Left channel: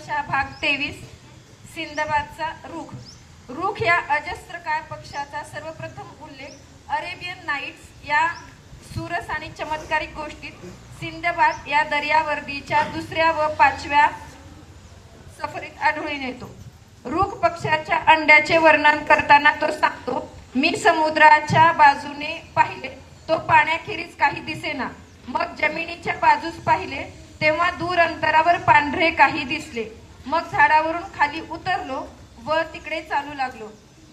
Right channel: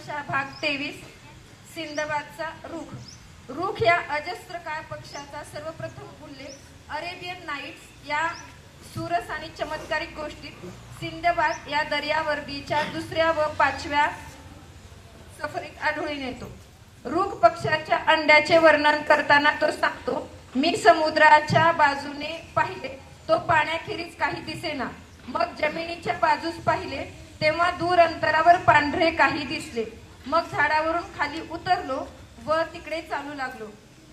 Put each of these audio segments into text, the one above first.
तमाशा भाग 23 सिंदबादचा रुख। रुख या अजस्त्रकाय पक्षाचा सर्वप्रथम उल्लेख अरेबियन नाईट्स या सुरस आणि चमत्कारिक गोष्टीत सिंदबाद या दर्यावर्दीच्या दुसऱ्या व पाचव्या सफरीत आढळून येतो। रुख पक्षाच्या अंड्याचे वर्णन करताना तो सांगतो, मी समुद्राच्या बाजूने पाहिले, तो पाण्याखेरीज काही दिसेना। मग जमिनीच्या बाजूस पाहिले, तेव्हा दूर अंतरावर पांढरे काही दिसले। मग झाडावरून खाली उतरलो व तिकडे चालू लागलो।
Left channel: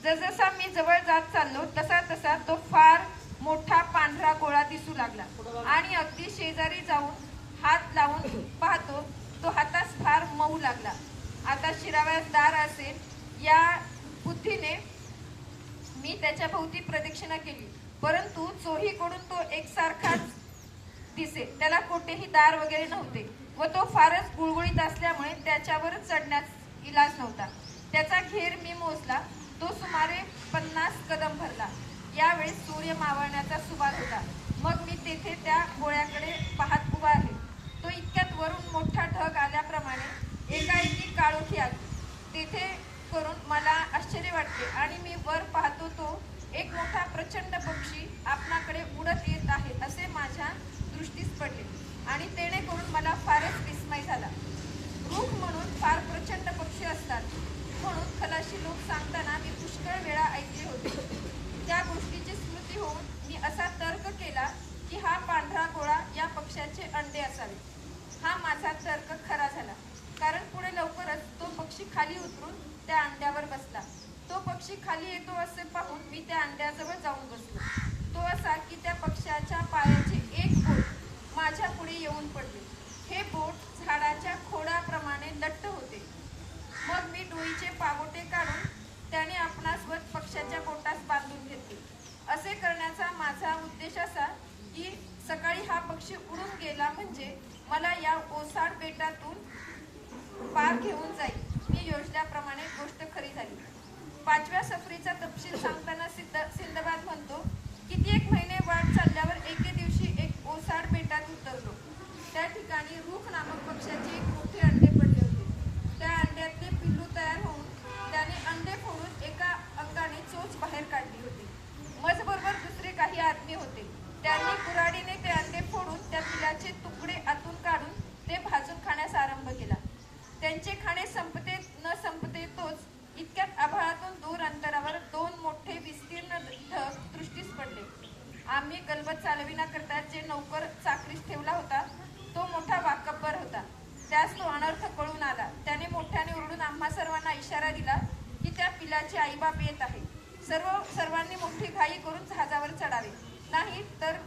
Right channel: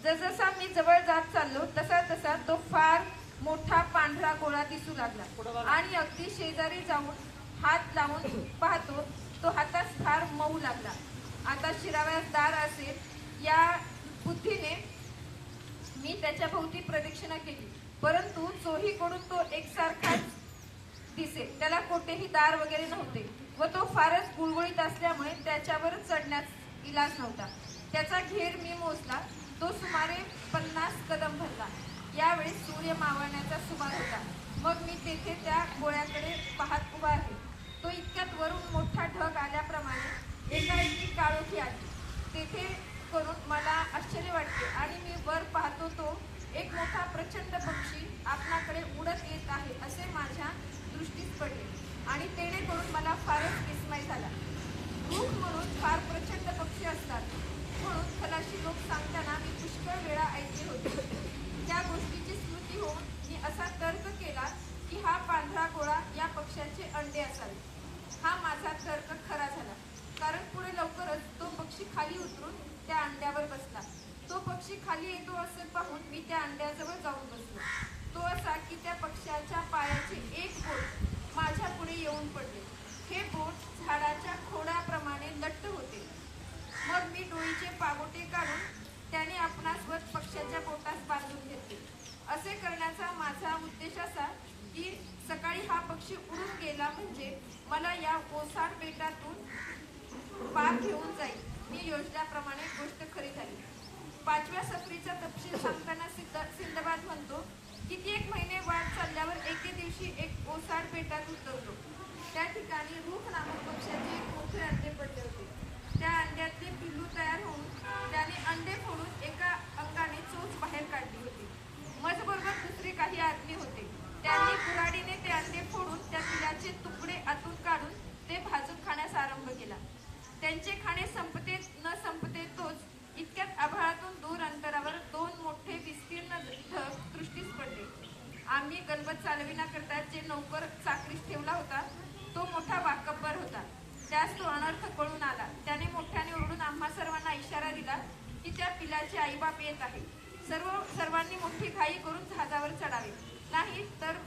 जसजसा मी जवळ जात चाललो तसा तसा तो फार मोठा पांढरा गोळा दिसू लागला आणि अगदी शेजारी जाऊन हात लावून पाहतो, तो हातास फार मऊ लागला। आता शिराव्यास दार असेल या बुद्धीने मी त्याच्या भोवती प्रदक्षिणा केली, परंतु चोहीकडून तो एकसारखाच दिसे। त्याला कोठेही दार वगैरे नव्हते व तो फारच गुळगुळीत असल्यामुळे त्याच्यावर चढण्यास इलाज नव्हता। त्याचा घेर मी मोजला, तो सुमारे 50 कदम भरला। यावेळी सूर्य मावळण्याचा सुवास होता। मग मी तेथे त्या गोळ्याकडे पाहत उभा आहे। तो इतक्यात वरून मोठा ढग आल्याप्रमाणे एकाएकी काळोखी आली। तेथे करून मला आश्चर्य वाटले आणि मी वर पाहतो, तो एक मोठा प्रचंड पक्षी आपणाकडे उडत येत आहे असे माझ्या दृष्टीस पडले आणि तेणे करून मला फारच विस्मय झाला। रुख म्हणून फार प्रचंड पक्षी असतात म्हणून खलाशी लोक सांगताना मी पुष्कळ वेळा ऐकले होते। त्या गोष्टीची स्मृती होऊन मी असा तर्क केला की हा पांढरा गोळा या पक्ष्याचे अंडे असावे। हा माझा तर्क खरा झाला, कारण पुढे लवकरच तो पक्षी खाली उतरून त्या अंड्यावर बसला। तो पक्षी खाली येतो असे पाहून मी त्या अंड्याजवळ जाऊन बसलो। तो असा की त्या पक्षाच्या पायाचे एक बोट माझ्या पुढे येऊन पडले। हे बोट झाडाच्या खोडाप्रमाणे लट्ट होते। मग मी डोईचे पागोटे काढून त्याने आपणास व पक्षाच्या बोटास बांधून घेतले। असे करण्याचा माझा उद्देश असा की सकाळी हा पक्षी उडून गेला म्हणजे मला या ओसाड बेटातून पार घेऊन जाईल। मी योजल्याप्रमाणे गोष्ट खरी झाली। 5व्या सफरीचा तपशील सांगताना सिंदबाद म्हणतो, किती एक महिने वाट चालल्यावर एके दिवशी एक ओसाड बेटात उतरलो। त्या ठिकाणी रुख नामक पक्षाचे एक मोठे अंडे पडले होते। त्या अंड्यातले पिल्लू तयार होऊन त्याने अंडे फोडून एका अंगाने चोच बाहेर काढली होती। मजबरोबर दुसरे काही आदमी होते। त्यांनी कुऱ्हाडीने ते अंडे फोडून त्या पिलाचे तुकडे आतून काढून ते भाजून खाण्यास आरंभ केला। त्यांचे खाणे संपते न संपते तोच इतक्यात आभाळातून दूर अंतरावर 2 मोठे विस्तीर्ण ढग दृष्टीस पडले। आम्ही गलबत चालविण्याकरता जे नौकर चाकरीस ठेवला होता तो मोठा वाकब्बर होता। त्यास तो अनर्थ कळून आला। त्याने मोठ्याने ओरडून आम्हा सर्वांना इशारा दिला की त्या पिलाचे आईबाप येत आहे। सर्वांनी मोठी घाई करून जहाजावर चढावे, नाही तर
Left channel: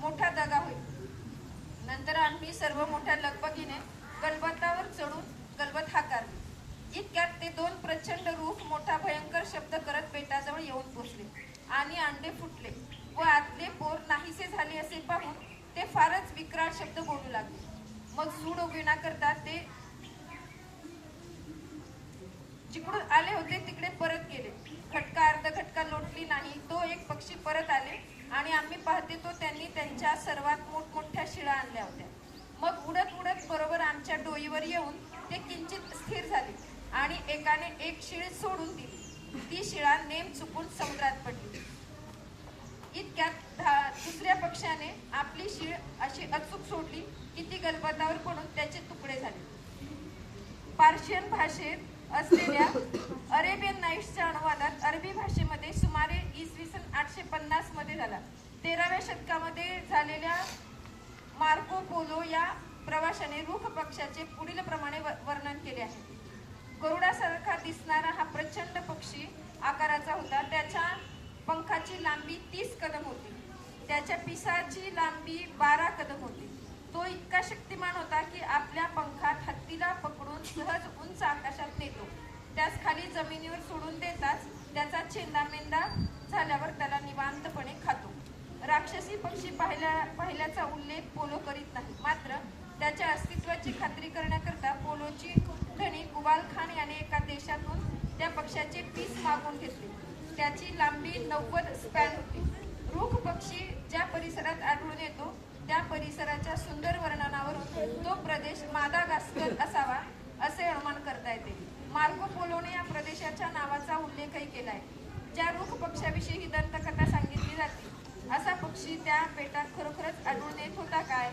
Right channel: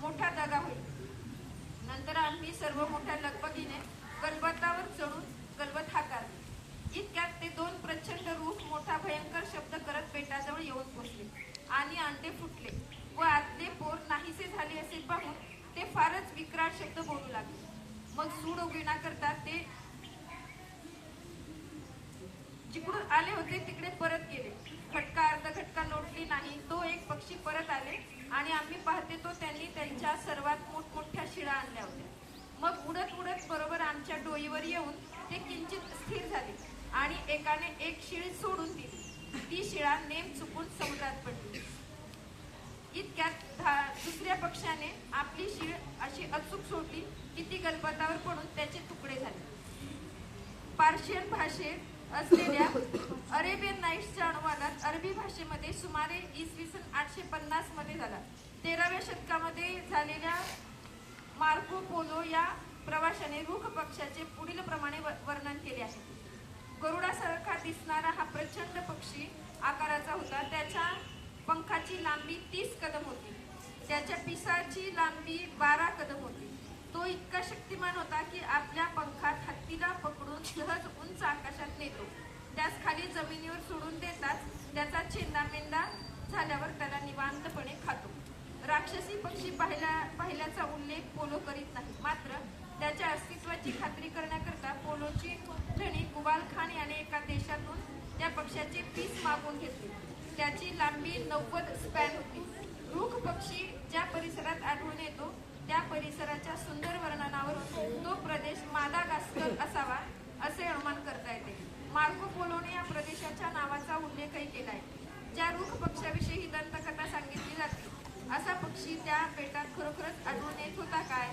मोठा दगा होईल। नंतर आम्ही सर्व मोठ्या लगबगीने गलबतावर चढून गलबत हाकारली। इतक्यात ते 2 प्रचंड रुख मोठा भयंकर शब्द करत बेटाजवळ येऊन पोचले आणि अंडे फुटले व आतले पोर नाहीसे झाले असे पाहून ते फारच विक्राळ शब्द बोलू लागले। मग सूड उगविण्याकरता ते जिकडून आले होते तिकडे परत गेले। खटका अर्धघटका लोटली नाही तो एक पक्षी परत आले आणि आम्ही पाहते तो त्यांनी त्यांच्या सर्वात मोठमोठ्या शिळा आणल्या होत्या। मग उडत उडत बरोबर आमच्या डोईवर येऊन ते किंचित स्थिर झाले आणि एकाने एक शिळ सोडून दिली। ती शिळा नेम चुकून समुद्रात पडली। इतक्यात दुसऱ्या पक्षाने आपली शीळ अशी अचूक सोडली की ती गलबतावर पडून त्याचे तुकडे झाले। पार्शियन भाषेत असलेल्या अरेबियन नाईट्सच्या अनुवादात अरबी भाषेमध्ये सुमारे इसवी सन 850 मध्ये झाला। 13व्या शतकामध्ये झालेल्या मार्को पोलो या प्रवाशाने रुख पक्षाचे पुढील प्रमाणे वर्णन केले आहे। गरुडासारखा दिसणारा हा प्रचंड पक्षी आकाराचा होता। त्याच्या पंखाची लांबी 30 कदम होती। त्याच्या पिसाची लांबी 12 कदम होती। तो इतका शक्तिमान होता की आपल्या पंखात हत्तीला पकडून सहज उंच आकाशात नेतो। त्यास खाली जमिनीवर सोडून देताच त्याचा चेंदामेंदा झाल्यावर त्याला निवांतपणे खातो। राक्षसी पक्षी पाहिल्याचा उल्लेख पोलो करीत नाही, मात्र त्याच्या अस्तित्वाची खात्री करण्याकरता पोलोची धनी कुबाल खान याने एका देशातून त्या पक्षाचे पीस मागून घेतले। त्याची लांबी 90 स्पॅन होती। रुख पक्षी ज्या परिसरात आढळून येतो त्या परिसराच्या सुंदर वर्णनावरून तो प्रदेश मादागास्कर असावा असे अनुमान करतात। ज्या रूख पक्षाविषयी ही दंतकथा सांगितली जाते असा पक्षी त्या बेटात खरोखरच आढळून येत होता काय?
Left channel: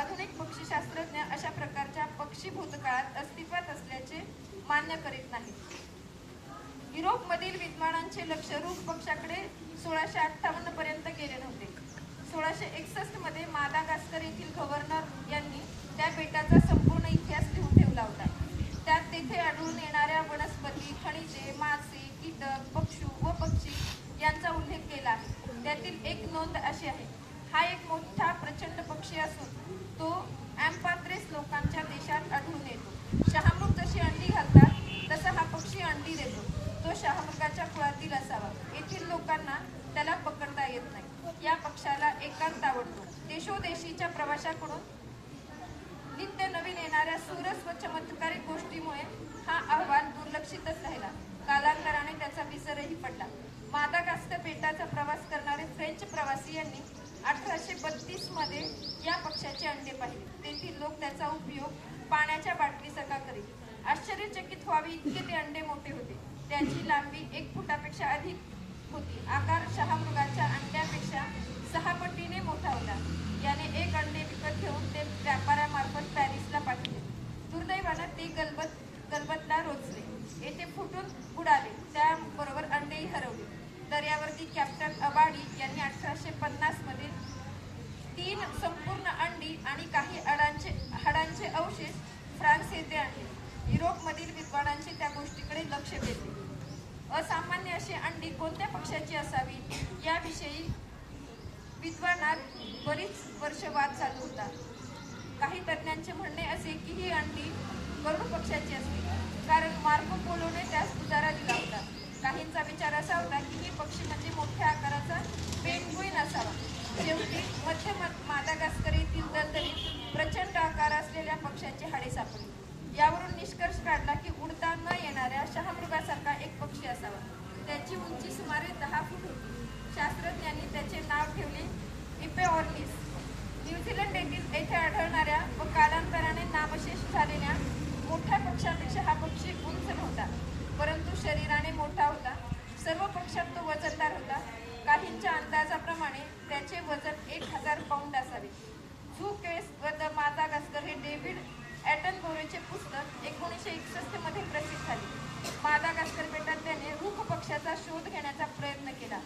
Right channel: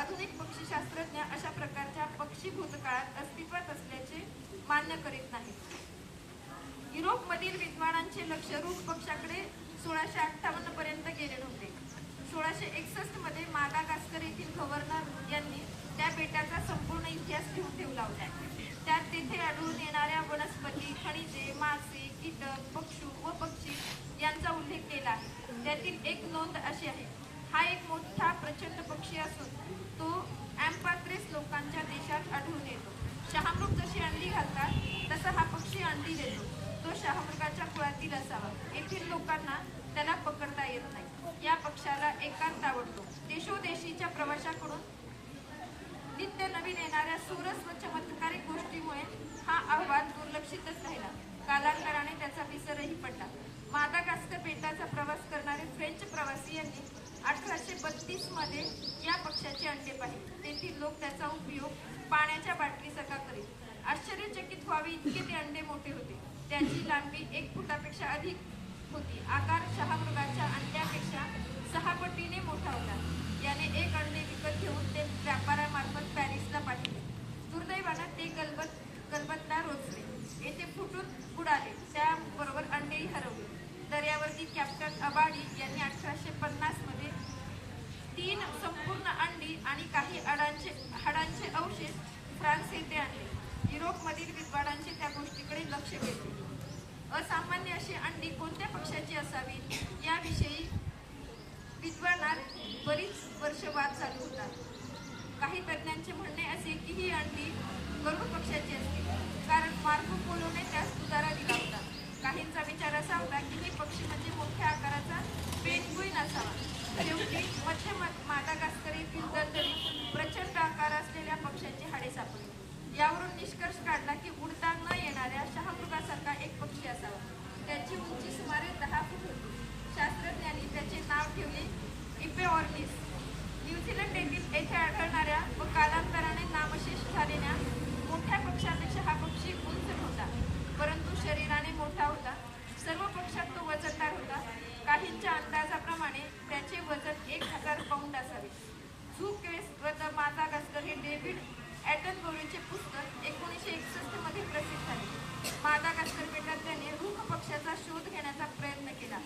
आधुनिक पक्षीशास्त्रज्ञ अशा प्रकारच्या पक्षी भूतकाळात अस्तित्वात असल्याचे मान्य करीत नाहीत. युरोपमधील विद्वानांचे लक्ष रूख पक्षाकडे 1658 पर्यंत गेले नव्हते. 1661 मध्ये मादागास्कर येथील गव्हर्नर यांनी त्या बेटाचा संपूर्ण इतिहास लिहून ठेवला होता. त्यात तेथे आढळून येणाऱ्या वनस्पती, खनिजे, मासे, कीटक, पक्षी व पक्षी यांचा उल्लेख केला आहे. त्यातील एक नोंद अशी आहे: हा एक मोठा प्रचंड पक्षी असून तो अँपात्रेस लोकांच्या देशात आढळून येतो. शहामृग जशी अंडी घालतात तसा हा पक्षी अंडी देतो. तो शहामृगाच्या कुळातील असावा. येथील लोकांना त्याला पकडता येत नाही. या पक्षाला एकांत आवडतो. देशोदेशीच्या प्रवाशाकडून नित्य नवीन येणाऱ्या सुरस व चमत्कारिक गोष्टीमुळे हा अहवाल दुर्लक्षितच राहिला. कालांतराने त्याचा विसरही पडला. मादागास्कर बेटाचा प्रवास करणारे फ्रेंच प्रवासी यांनी 1832 मध्ये या पक्षाचे अंडे पाहिले. तेथील लोक त्याचा उपयोग पाण्याच्या बाटलीसकट करीत. आश्चर्यचकित व्हावे इतके ते अंडे मोठे होते. त्याची लांबी 1 फुटापेक्षा अधिक होती. आकार शहामृगाच्या अंड्यापेक्षा 6 पटीने मोठा होता. याने एक अंडे विकत घेऊन ते व्यापाऱ्यामार्फत पॅरिसला पाठवले. दुर्दैवानं ते गलबतला रोचले. येथे फुटून बुडाले. त्याबरोबर अंडेही हरवले. दर्यावर्ती कॅप्टन अबाडी यांनी 1850 मध्ये 3 संपूर्ण अंडी आणि काही हाडांचे अवशेष फ्रान्स येथे आणले. युरोपमधील विद्वानांचे त्या गोष्टीकडे लक्ष वेधले. असामान्य अशी अंडी कोणत्या पक्षाची असावी याविषयी विद्वानात बरीच वर्ष वाद चालू होता. काही तज्ञांचे म्हणणे असे की ही अंडी गरुड पक्षाची असतील, कारण मार्को पोलोने त्यास उतारा दिला होता. काहींचा विचार असा होता की ही पक्षी म्हणजे मोठ्या आकाराचा पेंग्विन असावा. शेवटी मध्य मादागास्कर येथील दलदलीत प्रचंड आकार असलेल्या पक्षाची हाडे सापडली. यावरून निष्कर्ष काढला की उडता न येणाऱ्या शहामृगासारखा एक पक्षी असावा. त्याची उंची सुमारे 10 फूट होती. शास्त्रज्ञांनी त्याचे नाव ठेवले इपेऑर्निस. न्यूझीलंड येथे आढळणाऱ्या व कालांतराने नामशेष झालेल्या मोठ्या पक्षांपेक्षा हा पक्षी उंच नव्हता, परंतु शरीराने मोठा होता. सर्व पक्षात तो वजनदार होता. काहींच्या अंदाजाप्रमाणे त्याचे वजन 1000 पाऊंड असावे. झू क्वेस्ट व द मादागास्कर हे डेव्हिड ॲटनबरोचे पुस्तक 1961 मध्ये प्रसिद्ध झाले. मादागास्कर बेटात त्याने रूख पक्षाचा शोध घेण्याचा प्रयत्न केला.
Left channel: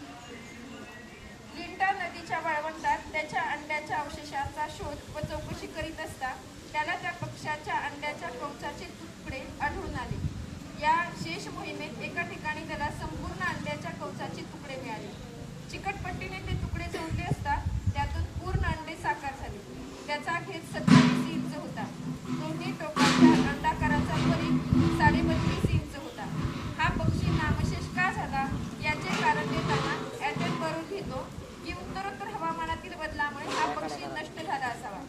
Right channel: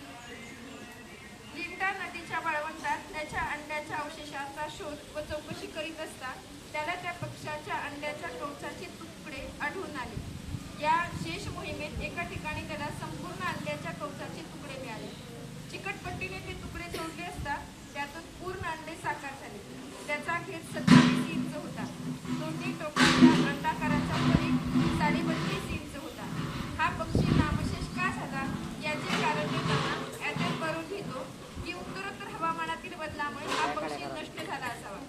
लिंटा नदीच्या वाळवंटात त्याच्या अंड्याच्या अवशेषांचा शोध व चौकशी करीत असता त्याला त्या पक्षाच्या अंड्याच्या कवचाचे तुकडे आढळून आले. या शेष मोहिमेत एका ठिकाणी त्याला संपूर्ण अंड्याच्या कवचाचे तुकडे मिळाले. चिकटपट्टीने ते तुकडे जोडले असता त्यातून पूर्ण अंडे साकार झाले. त्याचा खेद 27 इंच होता. दोन्ही टोकाच्या अंडाकाराचा परिघ 32.5 इंच होता. हा पक्षी नामशेष का झाला याचे कारण देताना ॲटनबरो लिहितो की उत्तरोत्तर हवामानातील बदलामुळे हा पक्षी नष्ट झाला असावा.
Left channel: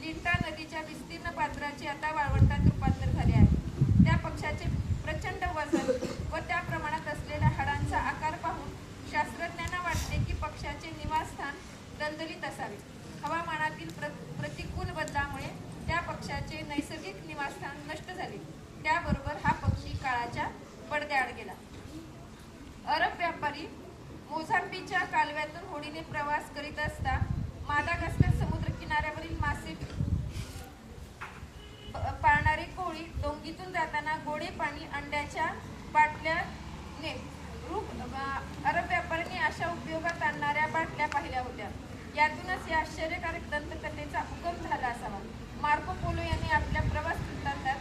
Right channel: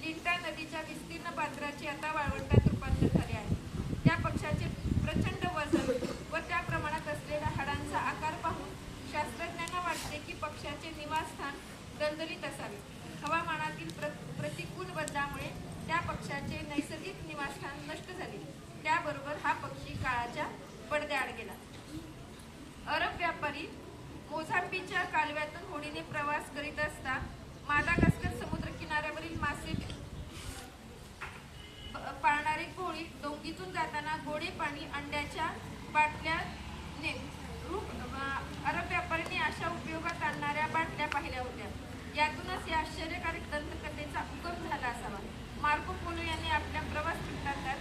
लिंटा नदीच्या विस्तीर्ण पात्राचे आता वाळवंटात रूपांतर झाले आहे. त्या पक्षाचे प्रचंड वजन व त्या प्रमाणात असलेल्या हाडांचा आकार पाहून शास्त्रज्ञांना वाटते की पक्षाचे निवासस्थान दलदलीत असावे. हवामानातील प्रतिकूल बदलामुळे त्या पक्षाचे नैसर्गिक निवासस्थान नष्ट झाले. त्याबरोबर हा पक्षी काळाच्या पडद्याआड गेला. अरब व्यापारी मोझांबीच्या कालव्यातून होडीने प्रवास करीत असता मादागास्कर समुद्र किनाऱ्यावरील मासे पाळणारे कोळी डोंगीतून जाताना गोडे पाणी अंड्याच्या बाटल्याने अरब व्यापाऱ्यांनी अशा उपयोगात आणणाऱ्या बाटल्या पाहिल्या होत्या. यातूनच या आश्चर्यकारक दंतकथेचा उगम झाला असावा. मार्को पोलो यांनी आपल्या प्रवास वृत्तांतात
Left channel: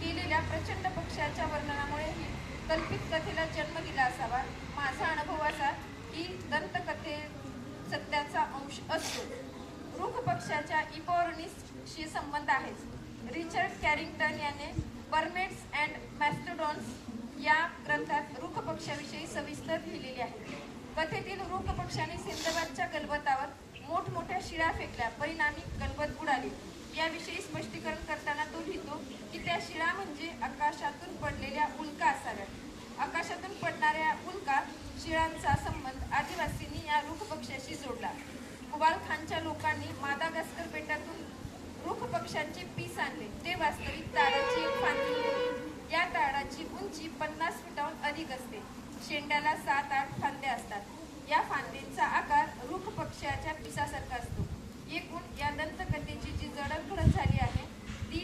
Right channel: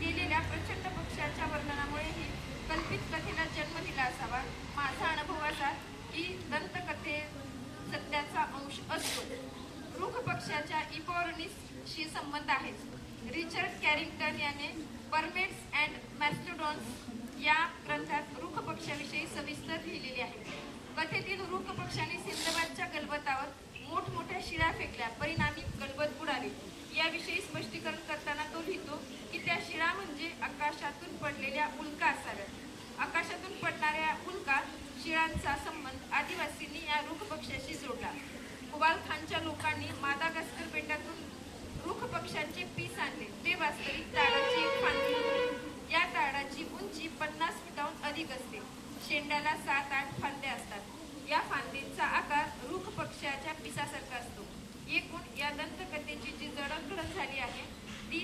केलेल्या प्रचंड पक्षाच्या वर्णनामुळे ही कल्पित कथेला जन्म दिला असावा. माझा अनुभव असा की दंतकथे सत्याचा अंश असतो. रूख पक्षाच्या इपॉर्निसशी संबंध आहेच. रिचर्ड कॅरिंग्टन याने परमेट्स अँड मॅस्टोडॉन्स या ग्रंथात रूख पक्षाविषयी सविस्तर लिहिलेले आहे. कथेतील रूख पक्षाने सिंदबादच्या गलबतावर मोठमोठ्या शिळा फेकल्या, परिणामी गलबत बुडाली. याविषयी स्पष्टीकरण करताना तो लिहितो की त्या शिळा म्हणजे आकाशातून पडलेल्या उल्का असाव्यात. आकाशातून पडणाऱ्या उल्का शिळांचा संबंध आदिवासींनी या रूख पक्षाशी जोडला. कुबाल खानच्या लोकांनी मादागास्कर बेटातून रूख पक्षांचे पीस आणले. ते वास्तविक ताडाची एक फांदी होती. या ताडाची उंची 50 फुटांहून अधिक असते. शेंड्याला 7-8 फांद्या असतात। या फांदींचा आकार रुख पक्ष्याच्या पिसासारखा असतो। एकूण या दंतकथेची जी जडणघडण झाली आहे ती